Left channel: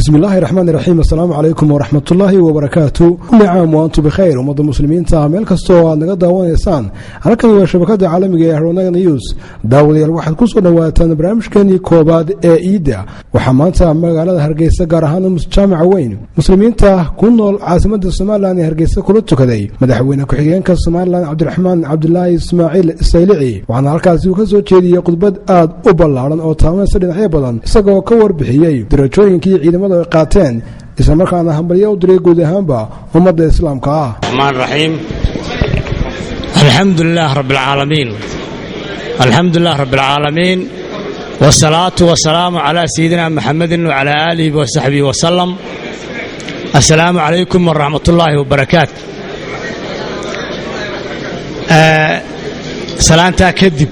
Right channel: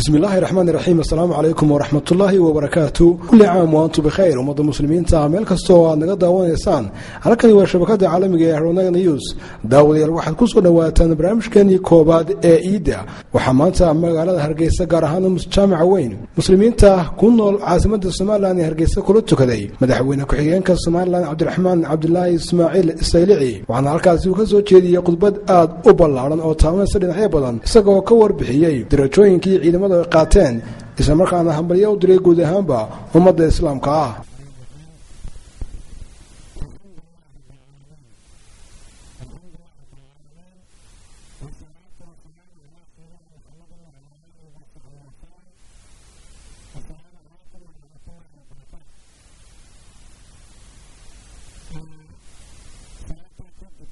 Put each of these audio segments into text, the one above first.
بسم الله الرحمن الرحيم. السلام عليكم ورحمة الله وبركاته. كل عام وأنتم بخير ومضى المسلمين تعمل كستوى نقدر ونيسان على كل شبكات عالمية هرونا نيوز داولي الواحد كسر نواتن برامج كان كوباد إيدا وحمانتا مقالة هرجيسة قارهانا مجتمع وين مسلمين تا كنا عاصمة الصومال هرجيسة كلتو كذي مدحوينا كحيان كالصومال عبد الرحمن عبد الله إسماعيل السيلعي وعن الكاس وكسو تشيدي يقضبد آد أوبلارن أو تامن سرين حيبلن سقوا كور بحيي درجوين كي ciidamada qaateen isla markaana hambalyo u diray guud ahaanba ummadda islaamka ah. Rahmaan Rahiim. Alhamdulillah Rabbil Aalamiin. Alhamdulillah Rabbil Aalamiin. Wassalatu wassalamu ala sayyidina Muhammadin wa ala alihi wa sahbihi wa sallam. Assalamu alaykum wa rahmatullahi wa barakatuh. Salaanta kadib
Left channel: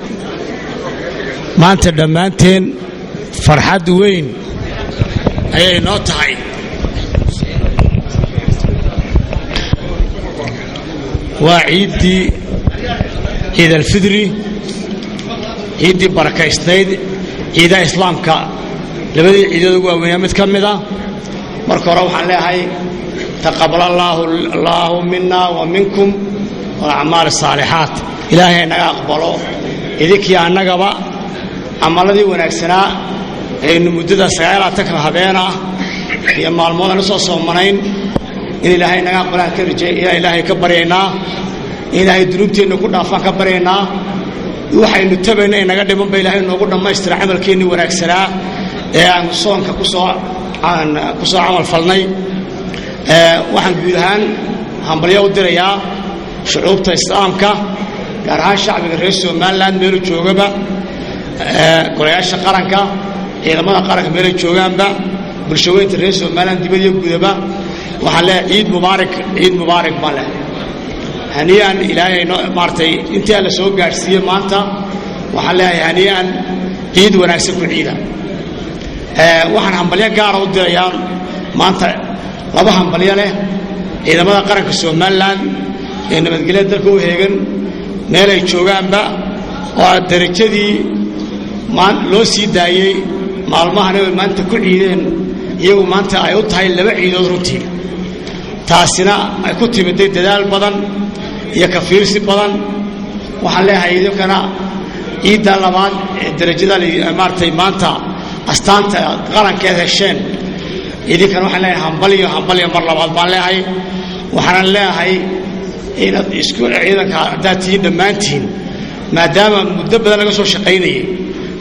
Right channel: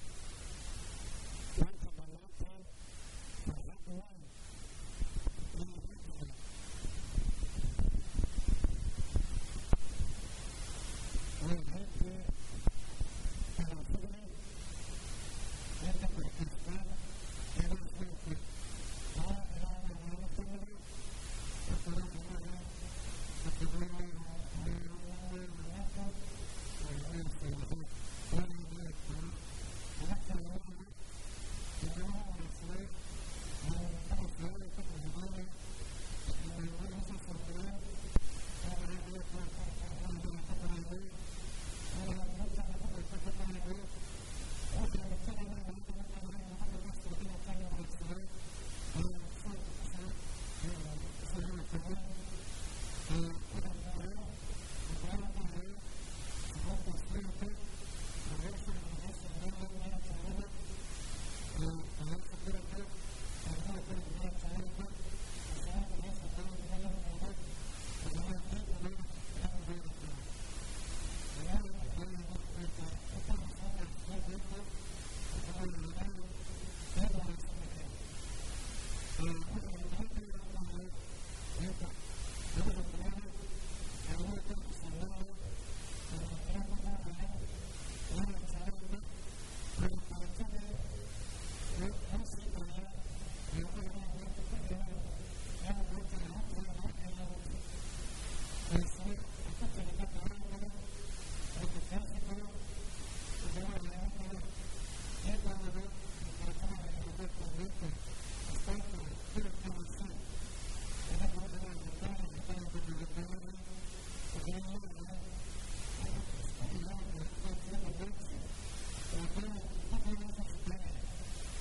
maanta dhamaanteen farxad weyn ayay noo tahay waa ciid al-fidri ciidii barakaysnayd ciidaha islaamka labadii ciidood ugu waaweyn mid ka mid ah marka hore waxaan leeyahay taqabbalallahu minna wa minkum wal a'maal as-saalihaat ilaahay naga aqbalo idinkii annagaba amaladii wanaagsanaa aynu muddada 9 habeena iyo maalmoodana soo soomanayn in ilaahay naga aqbalaan ka rajay ilaahay ka baryeynaa ilaahay dunuubteena ku dhaafaan ka baryeynaa waxaynu tabaynay naga dhiman bay ilaahay noogu dhameystira amalkeeni wanaagsanaa ee aan soonka ku soo amal falnay waxaan guud ahaan hambalyo u dirayaa shucuubta islaamka gaar ahaan shacbiga reer Soomaaliland meel joogaba golayaasha qaranka ciidamada qaranka meel joogaanba bulshooyinka reer Soomaaliland dibadda gudaba waxa la ciid mubaarak bale haniyaan ilaahay maartay intii la soo gaarsiiyay maanta waxa la haniyaan ciid wanaagsan ku ciida waxaan hambalyo gaar ah u dirayaa maanta laba hambalyo leh ciidamada qaranka Soomaaliland ee nabadgelyada dalka u heegan meel ay joogaanba oo darajadii loo sii daayay maalmahan maanta ku ciideen iyagu maanta ay u tahay laba ciidood runtii taasina ay ku timiday dadaal badan iyo ka fiirsi badan waxaan leeyahay idinkana ciidda labaad ee darajada maartay maanta astaanta qarankeeda hesheen idinkana waxaan leeyahay hambalyo mar labaad baan leeyahay waxaan leeyahay inaad isku ciidanka dadtii dhamaantiin maadaama muddo badan laga soo shaqeynayay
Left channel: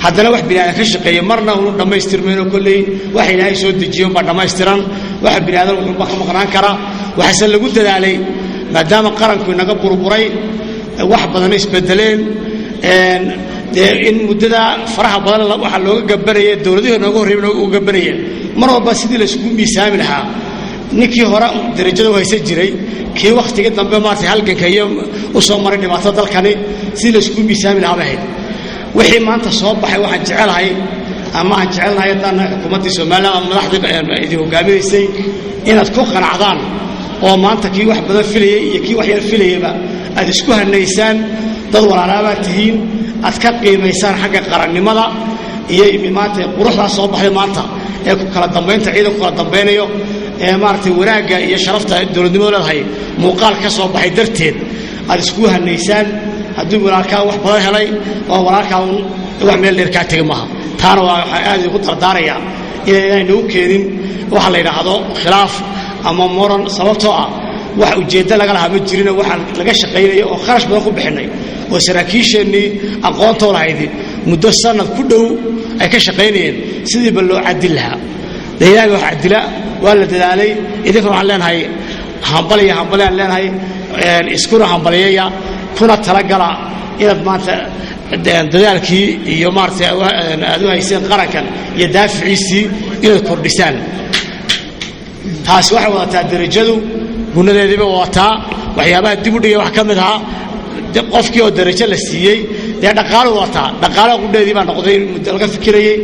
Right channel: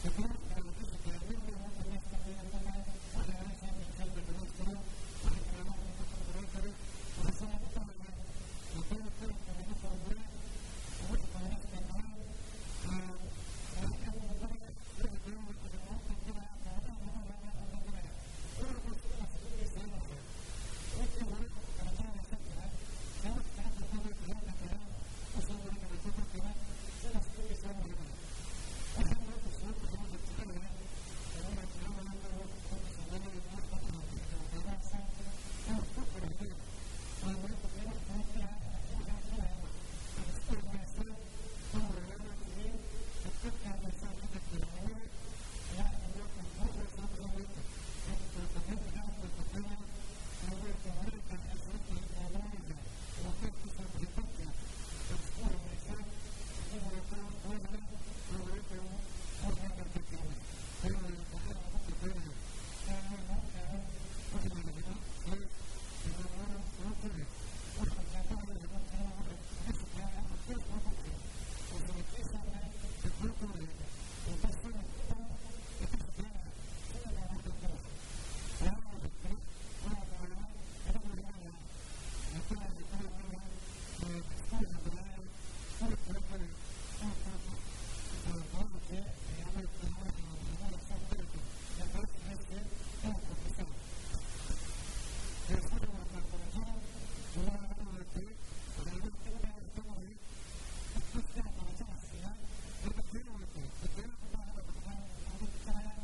haddana wax bini'aadan ka shaqeeyo marna uu dhameystirmeeno kulay wax ilaahay soo dejiyo ba dhameystiran wax bini'aadan uu ka maqnaan kara waxa lagu dadaalay maadaama qaranku inaga burburay wax badan isbedeleen in muddada faraha badan waxa looga gabarayay dawladihii nooga horeeyay uga gabarayeen mar walba sidii la isku miisaami lahaa ninkii hore darajada haysan jiray kii waqtiga dambe maartay halganka iyo u soo maray dhibaato dalkani sidii la isku miisaami lahaa bahay wixii maanta soo baxay waxaan jecelahay ama aan jecelnahay tan xukuumadda Soomaaliland madaxda idin hogaamiyeysay inaad ku qanacdaan oo maanta kii wax badan filayay iyo kii wax yar filayayba aad isku hanaysaan dad walaalaaba tihiin aad ka qiimeysaan xagga qarannimada iyo maanta quruxda soo baxay maanta ee ku kala dambeynta ciidanku kala dambeeyo ee maartay wanaaga iyo sharafta dawladnimada leedahay muuqaal ka soo baxay darteed aad isku hanaysaan haddii walaalkaa wax badan helay oo walaalkaa wax meel dheer ka tagay maaha taana waa aad ugu dardaaraya inaynu u keenin waxa la yiraahdo khilaaf ama moran sababtoo ah wax ujeedada laga lahaa ma jirin waxa laga shaqeeyay oo kharash badan ku bixinay oo saraakiisheenii aqoonta lahayd muddo sanad ku dhow ay ka shaqeynayeen sidii bal loo cadil lahaa deeyaga wax cadila waa la dadaalay idinka waxaan leenahay hambalyo leenahay isku hambalyeeya kuna talagala inaad maanta dadaalkii iyo maartay aad u hayseen qarankan iyo daaficiisii inaad kordhisaan taas waxa wadataa darajadu gunadeediba wadataa waxyaabaha dib u dhigay wax ka mid ah qofkii oo darajo la siiyey dhaqaale wadataa dhaqaale gudadeedii baa noqday laga fikirayay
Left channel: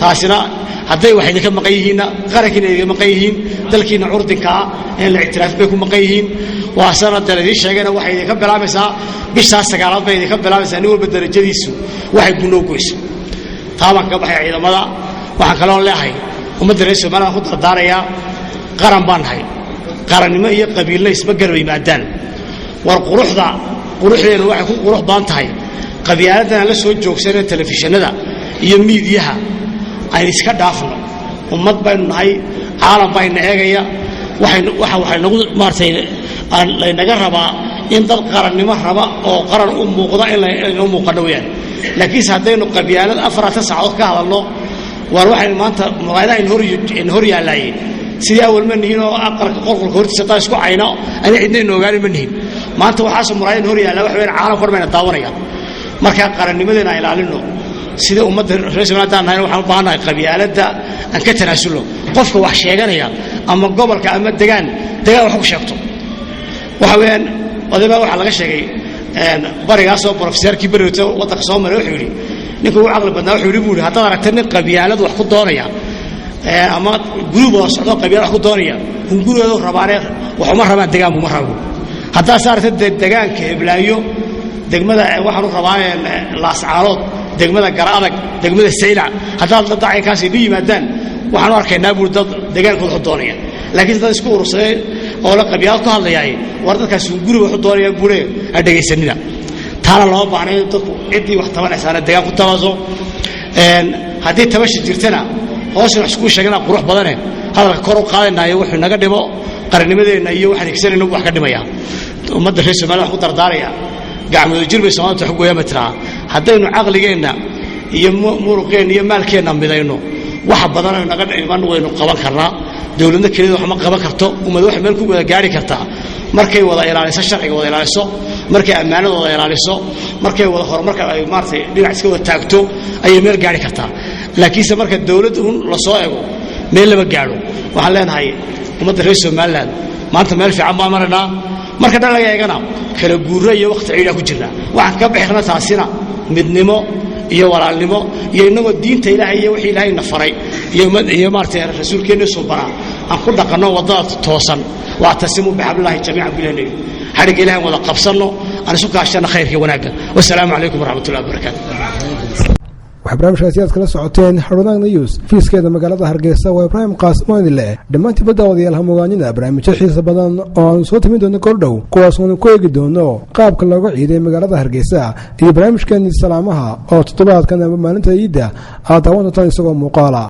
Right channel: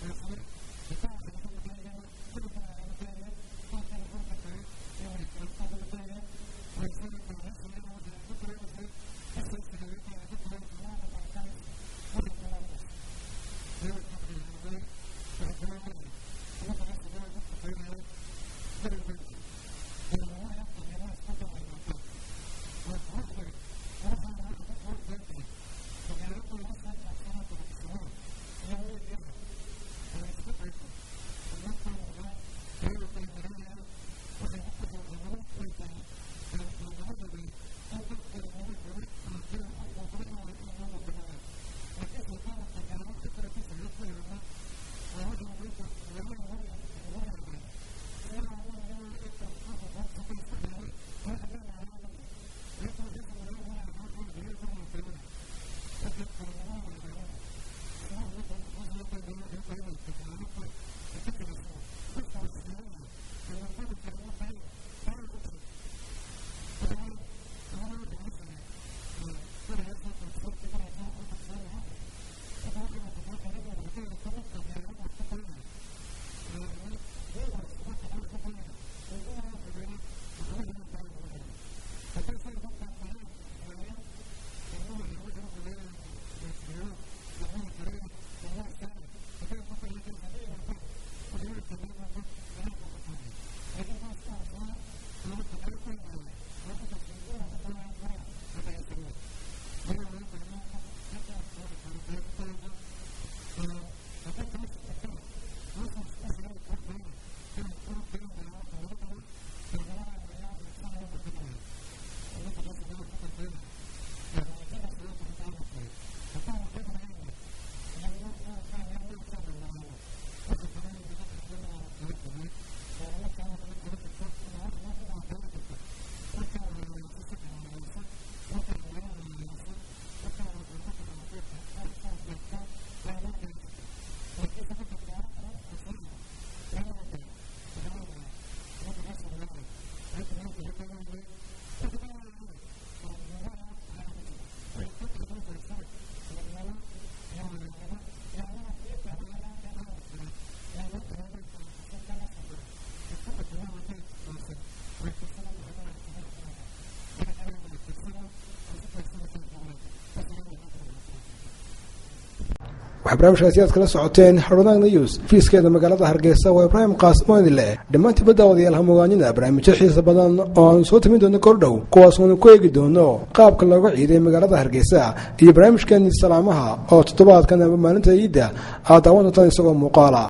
taasina hadday wax idinka maqan yihiin qarankiina idinka maqan yihiin dalkiina curdinka in la ictiraaf bay ku maqan yihiin waa sanad daladii sheegayna waxay idinka bilaabaysaa bisha 9 bay idinka bilaabaysaa nin walba darajadiisu waxay gunow goyso taaban ka baxay ciidamada waxaan kaloo leeyahay ummadda reer Soomaaliya ku dardaaraya qaran baan hay qarannimo iyo qabiilna isma garab yimaadaan war quruxdeenu waxay ku qurux baan tahay qabyaaladana la soo joogsanay telefishinada iyo miidiyaha ay iska dhaafno ummad baynu nahay caalam bayna eegaya waxay nagu maartay naga rabaa in dad qarannimo raba oo qaran u muuqda in u muuqano weeyaan laakiin haddaynu qabyaalad 4 saacadood ka hadalno war waxay maanta magaalada in hor yaalaayeen sidii awal ma nihiin oo aqalka qolqolka hortiisa taa isku cayno aan cidna ogaani ma nihiin maanta waxaa soo muraayeen hor yaala wax weyn caalam kormayna daawanaya marka qarannimadeena ilaalino sida ummadda reer Soomaaliya nahay waxaan u baahanahay qabyaaladda aan ka tanaasulo qofka wax sheeganaya ama gobolka ama degaan wax ku sheegto waxa weeyaan odayba waxa laga sheegay barigaas oo professorkii barito wadanka Soomaaliya wuxuu yiri ninku uu aqal badnaa wuxuu yiri buuri haddii aragtay nin qabyaalad wax ku doonaya ama group oo socdo qabyaalad wax ku doonaya gurigooda rabaanay waxuma rabaan degaan uma rabo hadda saartay deegaanka Iblaayo degmada waxaan u rabaayeen laascaalood degmada Garaadag degmada Saylac hadda la dacay kaasi yimaadaan waxaan arkaynaa buur dad deegaankooda doonaya laakiin dad isku urursaday oo la qabyaalad ku hadlayay war dadkaas guriga wax doonaya buure dhageysanina taana loo baahnay dadku cidii wax tabanaysan deegaan ku tabaso hadii tabashi jirtana hoos wax isku sheegana qurux badan hadalka kor u qaadanayo wuxuu naga dhibo qarannimadeena iyo waxaan igsanayno wax ka dhimaya ummadda reer Soomaaliya wax ku dardaaraya gacmooda jirbay Soomaaliya wax gooya matraa haddaynu aqligeena iyo muruqeena iyo maalkeena midayno wax badan oo naga dhiman waynu qaban karnaa dawladda kaliya wax ma qaban karto ummad wax meel ku wada gaari kartaa markay wada ilaaliso sharciga wada ilaaliso markay ammaanada wada ilaaliso markay wada horumarka ay maartay dhinac iska wada taagto ay meel gaari kartaa laakiin marka dawladdu la soo eego meel laba gaaro waxaan leenahay ummadda reer Soomaaliya maanta meel fiican ma marnaa marka dhan laga eegana kala guuro iyo waqti ciidan ku jirna waxaan ka bixirnaa taasina midnimo iyo walaalnimo iyo inagoo diinta Ilaahay iyo wixii Ilaahay na faray iyo maartay rasuulkeena soo bara aan ku dhaqano wadada toosan waa tasimu bihablillahi jamii'an billahi xarig Ilaahay wada qabsano aan isu kaashana khayrka wanaaga wassalaamu alaykum warahmatullahi wabarakatuh barnaamijkaasi aad kala socoteen Harunag News fiiskeeda magaalada Hargeysa waa Ibrahim Qaasim Oonile dhamaantii badawadayaal hamogaanina barnaamijyo xiiso badan oo aan soo timin doono kordhow kuwaas oo ku eegi doono qaabka looga ciiday magaalada Hargeysa iyo barnaamijkan salaamaha oo toddobaadkan maalinta Ciidda aad daawan doontaan isagoo muuqaala